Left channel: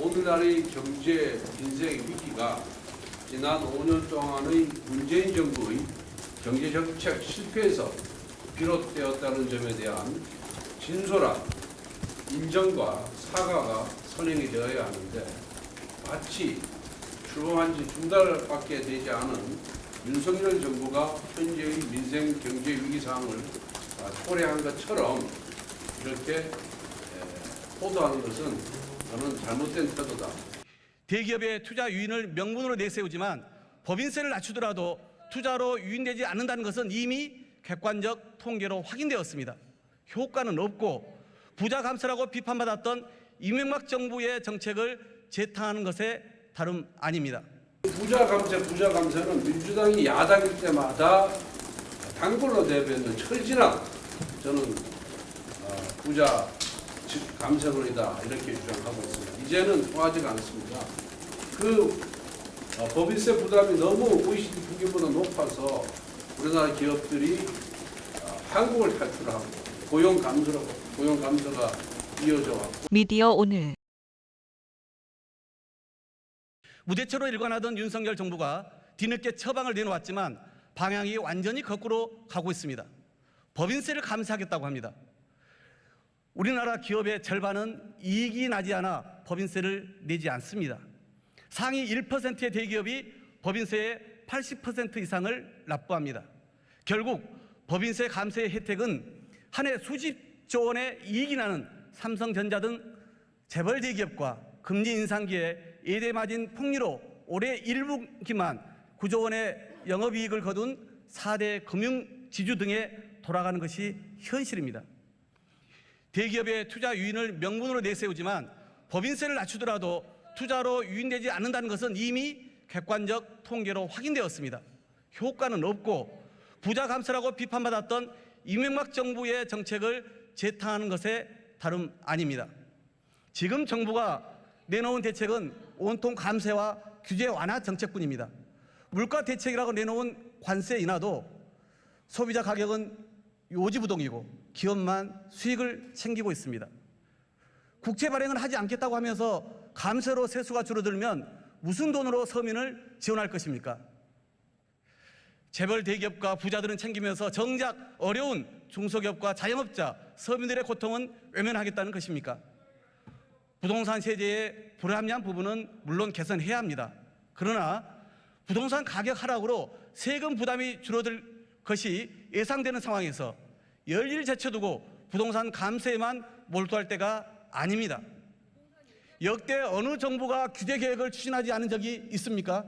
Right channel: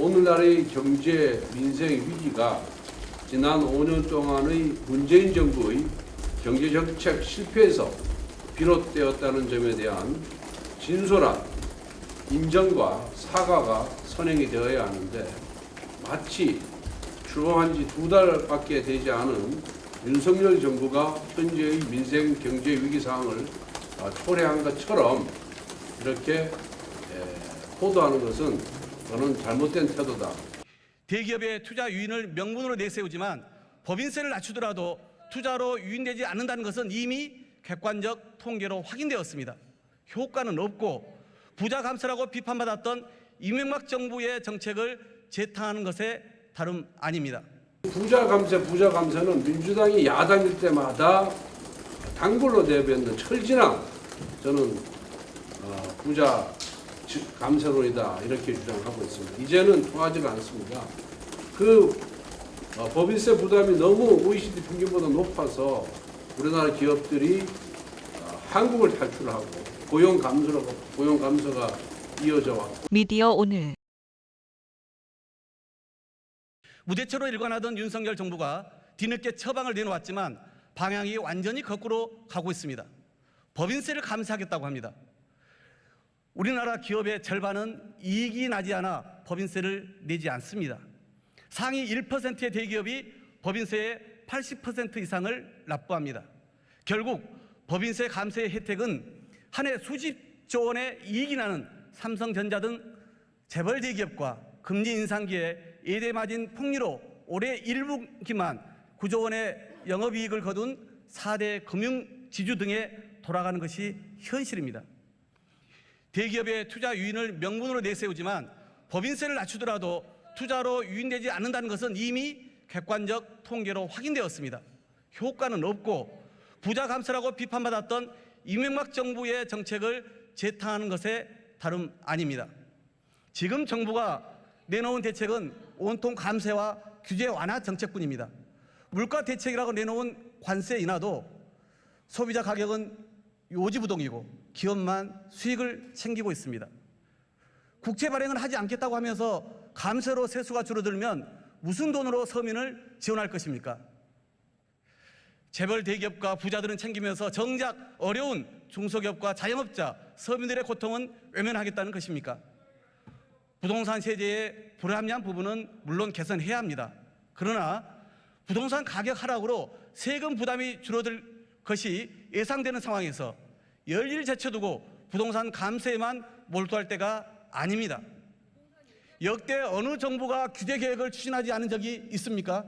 오늘날의 경제 민생 위기가 지난 5년 동안의 문재인 정부의 경제정책 실패에서 비롯되었다는 점에 대한 진솔한 인정과 사과가 선행이 되어야 하는데, 마치 출범한 지 2달밖에 되지 않은 윤석열 정부가 현재의 민생 경제 위기 상황을 초래한 것처럼 이렇게 호도하는 것은 저는 잘못된 태도다. 대기업의 투자 유인을 명분으로 내세우지만 법인세를 낮추더라도 투자로 유인되지 않는다는 것은 이미 객관적 통계로 확인되었습니다. 효과는 없고 부자 감세라고 비판받았던 이명박 정부의 정책을 재탕하는 것에 다름 아닙니다. 부자 감세는 민주당이 야당일 때마다 단골로 내뱉는 철진한 저는 부자 감세론이다 이렇게 주장하고 있습니다. 이제는 통하지가 않습니다. 법인세 부담이 너무 OECD 평균보다 높아서 우리나라 기업들이 한국을 탈출하고 고용 감소가 이어져 왔고. 미디어 오늘 무대처로 일관하던 윤석열 정부가 뒤늦게 처방을 내놓았지만 방향이 완전히 거꾸로 가고 있습니다. 법인세를 감세하겠다고 합니다. 우리나라 기업의 절반은 이익이 나지 않아 법인세를 내지 않습니다. 상위 1%의 대기업이 법인세의 80% 이상을 납부합니다. 결국 법인세 감세의 혜택은 한 해 수십조 원의 이익이 나는 삼성전자 등 재벌 대기업과 금리 인상기에 예대마진 폭리로 올해 1분기만 9조 원의 영업이익을 거둔 4대 금융지주 등에 돌아가는 것이 현실입니다. 대기업의 투자 유인을 명분으로 내세우지만 법인세를 낮추더라도 투자로 유인되지 않는다는 것은 이미 객관적 통계로 확인되었습니다. 효과는 없고 부자 감세라고 비판받았던 이명박 정부의 정책을 재탕하는 것에 다름 아닙니다. 지금 정부가 내놓은 대책은 온통 감세와 규제 완화 정책뿐입니다. 물가 대책이라고 내놓은 관세 인하도 소비자 가격은 요지부동이고 기업만 수익을 챙기고 있습니다. 국채 발행을 하지 않겠다고 하면서 감세로 세수가 줄어들면 무슨 돈으로 서민을 지원할 것입니까? 재벌 대기업과 부자들은 챙기면서 정작 어려운 중소기업과 자영업자, 서민들의 고통은 외면하겠다는 것입니까? 부동산 세제의 불합리한 부분은 물론 개선해야 합니다. 그러나 부동산 가격 하락으로 세금 부담이 줄어들 것이 예상되는 상황에서 열일 제쳐두고 부동산 감세에만 몰두할 때가 아닙니다. 역대 어느 정부가 규제 개혁을 추진하지 않은 적이 있습니까?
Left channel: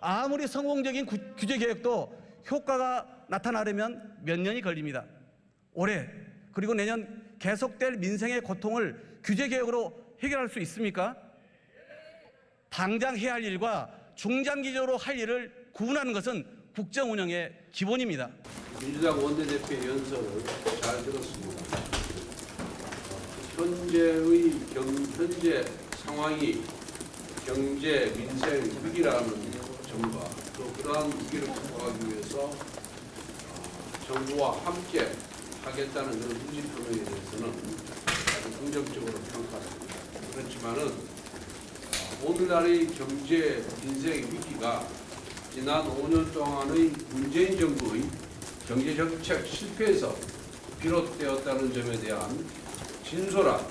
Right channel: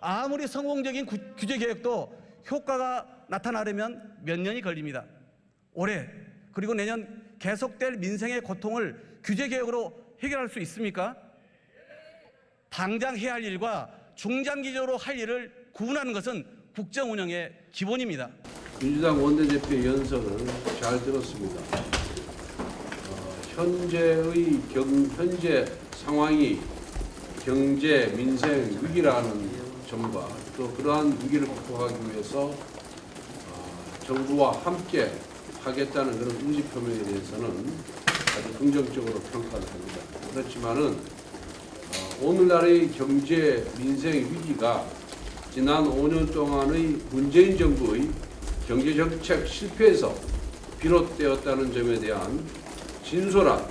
아무리 성공적인 규제 개혁도 효과가 나타나려면 몇 년이 걸립니다. 올해 그리고 내년 계속될 민생의 고통을 규제 개혁으로 해결할 수 있습니까? 당장 해야 할 일과 중장기적으로 할 일을 구분하는 것은 국정 운영의 기본입니다. 민주당 원내대표 연설을 잘 들었습니다. 현재 상황이 경제 민생 위기라는 점과 또 그러한 위기를 극복하기 위해서 정부와 함께 하겠다는 그런 의지 표명에 대해서는 아주 긍정적으로 평가합니다. 그렇지만은 오늘날의 경제 민생 위기가 지난 5년 동안의 문재인 정부의 경제정책 실패에서 비롯되었다는 점에 대한 진솔한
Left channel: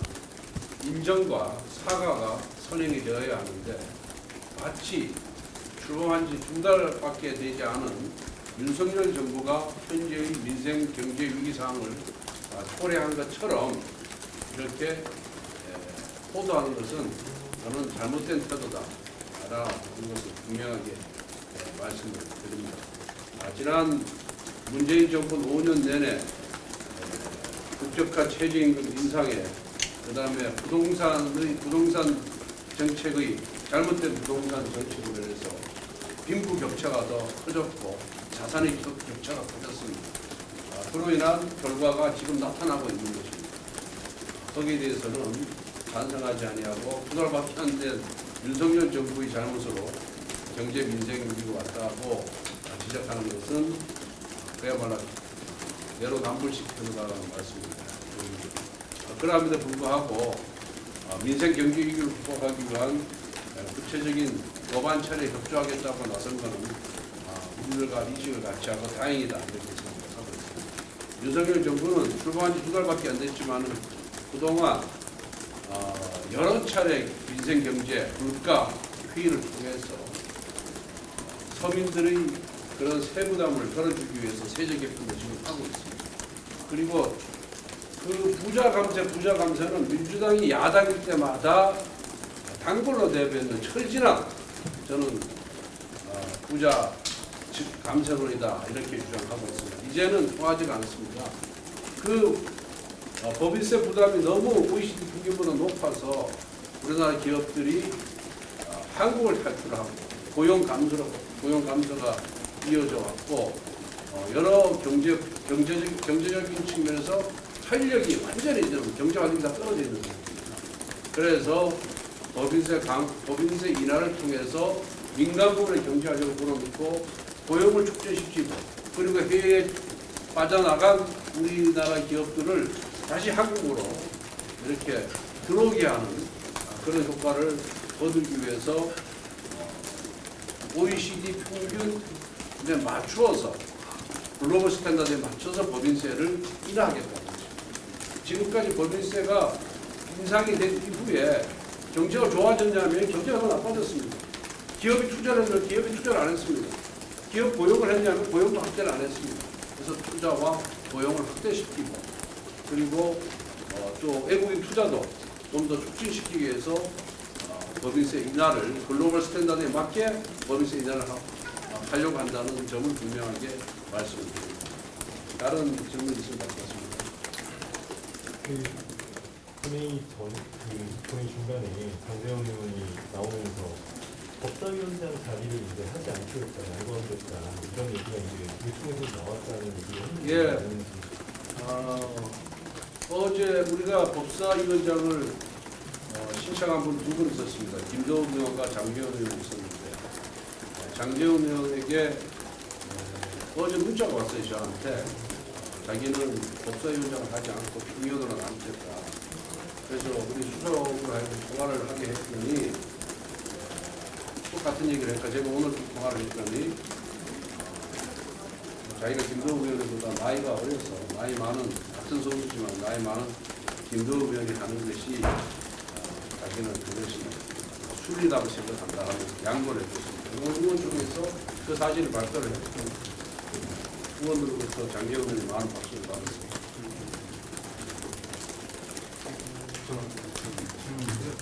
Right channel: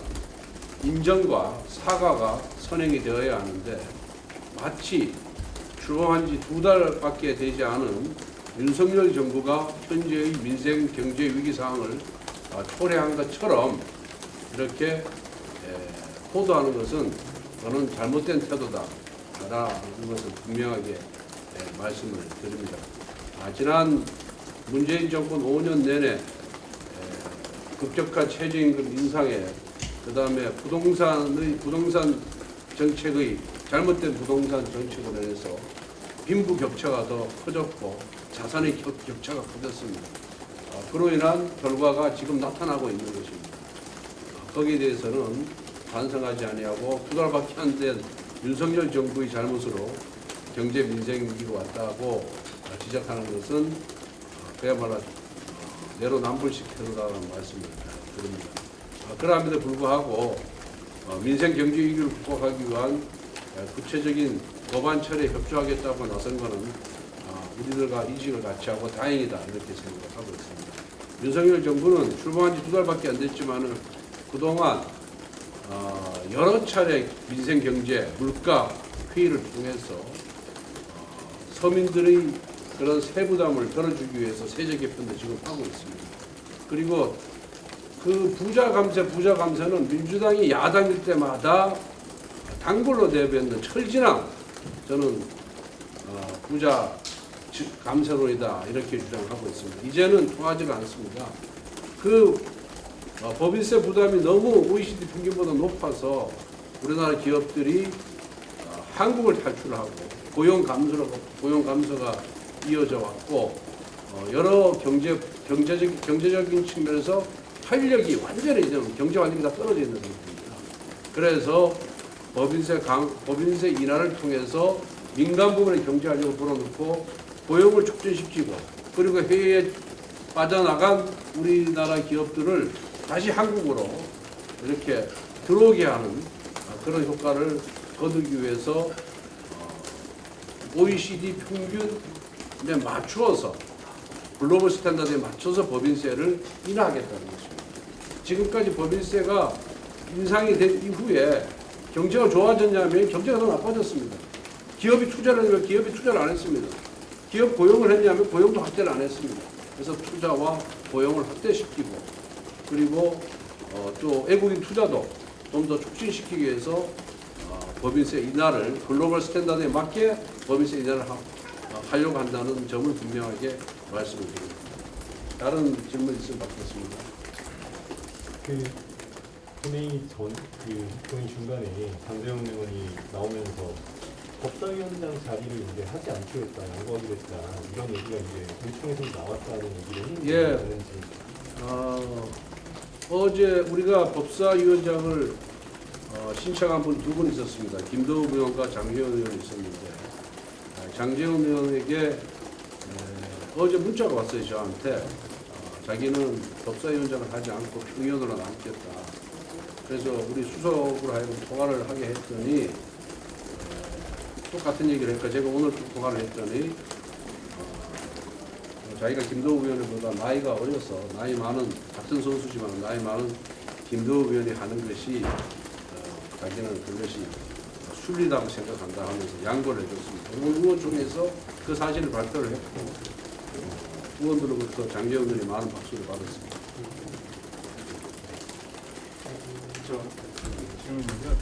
인정과 사과가 선행이 되어야 하는데, 마치 출범한 지 2달밖에 되지 않은 윤석열 정부가 현재의 민생 경제 위기 상황을 초래한 것처럼 이렇게 호도하는 것은 저는 잘못된 태도다 라는 것을 분명하게 말씀을 드립니다. 지난 문재인 정부는 5년 내내 급격한 최저임금 인상에 그다음에 부동산 정책의 잘못된 부동산 정책으로 인해서 빈부격차가 더 커졌고 자산의 격차가 커졌습니다. 그로 인한 결과가 지금 나타나고 있는 것입니다. 거기에 대해서는 반성하지 아니하고 2달밖에 안 된 윤석열 정부의 잘못으로 경제 민생 위기가 왔다고 지적하는 것은 그야말로 내로남불식 태도라는 말씀을 드립니다. 그럼에도 불구하고 민생 경제 위기를 극복하기 위한 구체적인 법안 처리에 협조하겠다고 나선 것은 우리들과 인식을 같이 하고 다행이다 이렇게 생각하고 있습니다. 윤석열 정부는 출범한 지 2달밖에 안 됐지만 그동안 여러 차례 민생 경제, 물가 회의를 통해서 서민들의 그런 세부담을 덜어주기 위해서 세제 개편도 지금 하고 있습니다. 그리고 그 부자 감세는 민주당이 야당일 때마다 단골로 내뱉는 철진한 저는 부자 감세론이다 이렇게 주장하고 있습니다. 이제는 통하지가 않습니다. 그 법인세 부담이 너무 OECD 평균보다 높아서 우리나라 기업들이 한국을 탈출하고 고용 감소가 이어져 왔고 여러 경제적인 측면에서 활력이 완전히 경제 활력이 다 떨어져 있는 상태입니다. 그래서 법인세 인하를 통해서 민간 부분의 경제 활력을 불어넣고 고용을 촉진시키고 그리고 해외에 빠져나간 우리나라 기업들을 다시 한국으로 이렇게 들어오게 하는 그런 효과를 거두기 위해서 OECD 평균에 맞추어서 글로벌 스탠다드에 맞춰서 법인세를 인하하겠다는 것입니다. 지금까지 법인세가 인상이 된 이후에 경제가 좋아졌냐면 경제가 더 나빠졌습니다. 기업이 투자를 했냐면 기업이 투자를 안 했습니다. 기업 고용을 했냐면 고용도 확대를 안 했습니다. 그래서 투자와 고용을 확대시키고 그리고 또 외국인 투자도 좀 더 촉진시키기 위해서 법인세 인하를 글로벌 스탠다드에 맞게 법인세 인하를 하려고 한다는 점을 분명하게 말씀드립니다. 다른 질문 있으면 받겠습니다. 본회의 중간에 장재원 의원이 나오면서 법사위원장 자리를 이제 하지 않기로 했다, 양보하기로 했다 이런 얘기가 이제 요청에서 나왔다는 얘기를 했는지. 어제 우리가 법사위원장을 신청한 분 2분 있었습니다. 김동욱 의원과 장재원 의원이 있었는데 장재원 의원에게 어제 문자가 왔어요. 저한테 자기는 법사위원장을 하지 않고 평의원으로 남겠다. 그래서 우리 수석으로 하여금 통화를 하게 했더니 똑같은 얘기를 했고 제가 오늘 또 통화를 했더니 자기가 김도우 의원보다 나이가 어려서 나이 많은 같은 선수지만 나이 많은 김도우 의원이 하는 것이 자기는 그것이 순리라고 생각한다 하면서 양보를 해줬습니다. 의원 중에서 그 사실을 발표를 했고 의원으로부터 장재원 의원이 많은 박수를 받았습니다.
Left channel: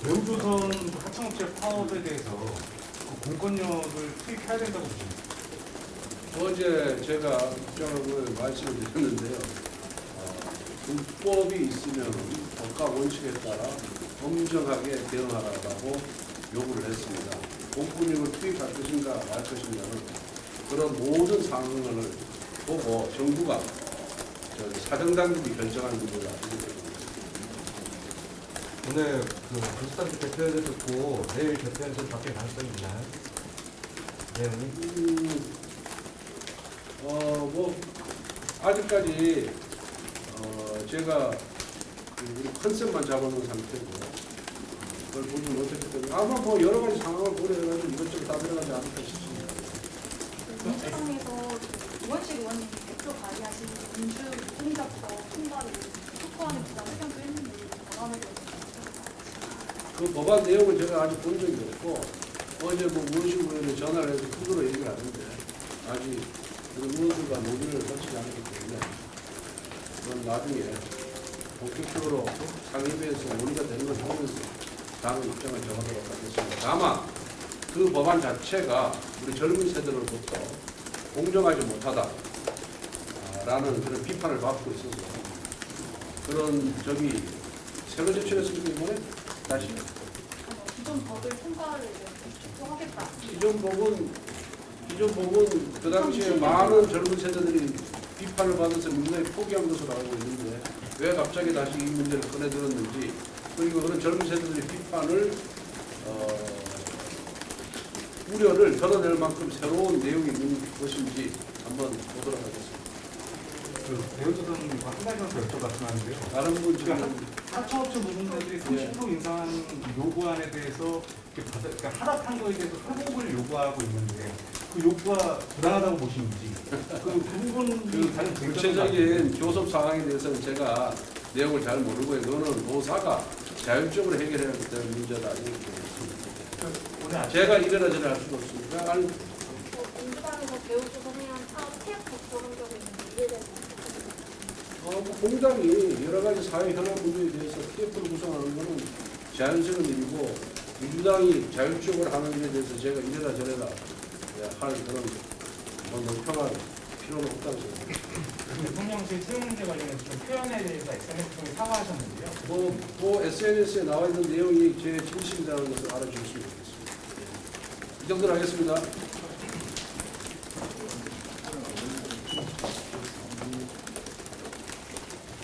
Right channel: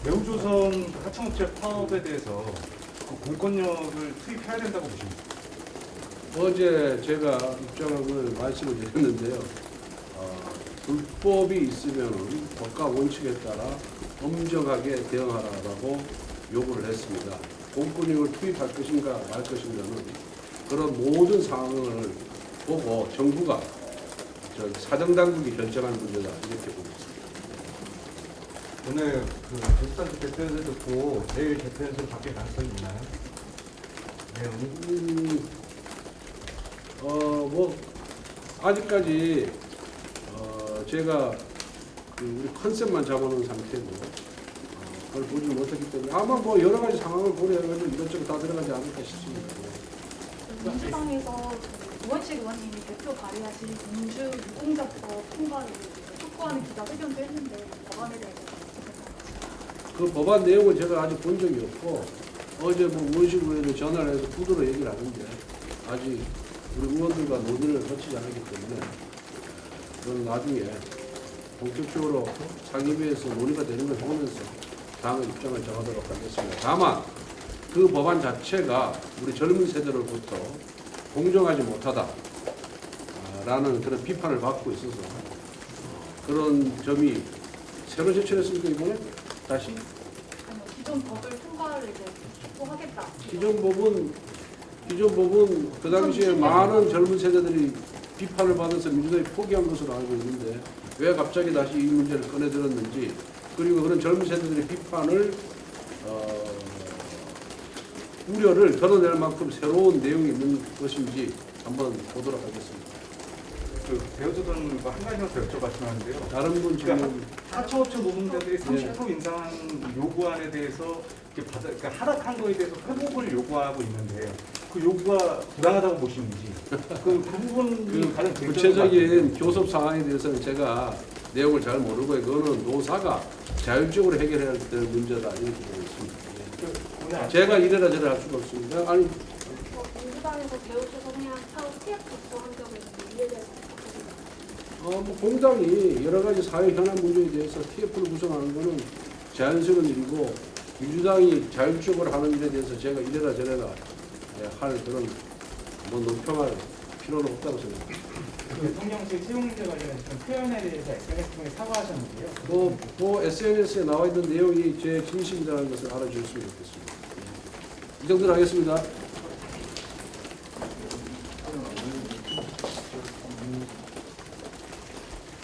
매우조선 하청업체 파업에 대해서 공권력을 투입해야 된다고 보십니까? 어제 제가 입장을 말씀을 드렸는데요. 불법이 있으면 법과 원칙에 따라 엄정하게 대응하라고 요구를 했습니다. 공권력을 투입할 것인가 말 것인가는 그런 모든 상황을 보고 정부가 사정당국이 결정하는 문제다 이렇게 보고 있습니다. 오늘 도시단체 대표에서 듣고 내일 대표에서 밖에 가능성이 있나요? 내용이? 뭐 아직까지 제가 컨셉만 잡아놓은 상태고 그걸 보지 못했기 때문에 아마 뭐 여러 가지 상황을 고려해가지고 이것저것 다 들어가지 않을까 싶습니다. 민주당에서 우원식 의원님이 대표 발의하신 민주공작법 통과를 촉구하는 기자 회견도 했는데 법안에 대해서 그 법안 내용은 제가 아직 본 적이 없고 어제 뭐 우원식 의원이 전화를 해서 두드러 얘기를 하는데 아직 우리 의원들과 논의를 거치지 않기 때문에 그건 나중에 본격적으로 상임위에서 논의가 되는 걸 보면서 다음 입장을 정하도록 하겠습니다. 다만 그 법안 자체가 우리 젊은 세대로부터 공정하지 못하다라는 그런 비판을 받고 있어서 그런 점이 새로 제출했으니까 이번에 다시 기존 법을 통과를 이제 촉구하겠다. 기존 법은 그 당시에 많은 젊은 세대들이 비판을 받아서 민주당이 포기한 것으로 알고 있는데 왜 갑자기 다시 이 문제를 꺼내들었는지 그리고 그런 젊은 세대들의 비판을 우려를 덜어낼 만큼 새로운 내용이 있는 것인지 한번 보도록 하겠습니다. 그 배우조선과 한 가지만 더 여쭤봤으면 하는데요. 다른 분 그러니까 지금 하청업체 노동자들이 30% 인상 요구안에 대해서 이렇게 그러니까 하락한 거에 대해서 회복을 요구하고 있는데 그 요구가 부당하다고 보시는지 그 부분이 다른 구체적인 교섭 상황에 대해서는 제가 내용을 잘 모르고요. 그거는 노사가 자율적으로 해결해야 될 문제다 이렇게 보고 있습니다. 오늘 아침 제가 이래라 저래라 할 수가 없습니다. 아니 민주당에서 배우조선이랑 사업 TF 적은 적에 이해돼서 뭐 공당이 여러 가지 사회 현안 문제에 대해서 TF를 구성하는 것은 자연스러운 일이고 민주당이 자율적으로 하는 일에 대해서 제가 이래라 저래라 할 그런 뭐 논평할 필요는 없다고 생각합니다. 그 대통령실 채용 문제 관련해서 좀 표현에 대해서 SNS 통해 사과하셨는데요. 뭐 SNS에 나와 있는 내용이 제 진실이라는 것을 알아주셨으면 좋겠습니다. 이 정도로 하겠습니다.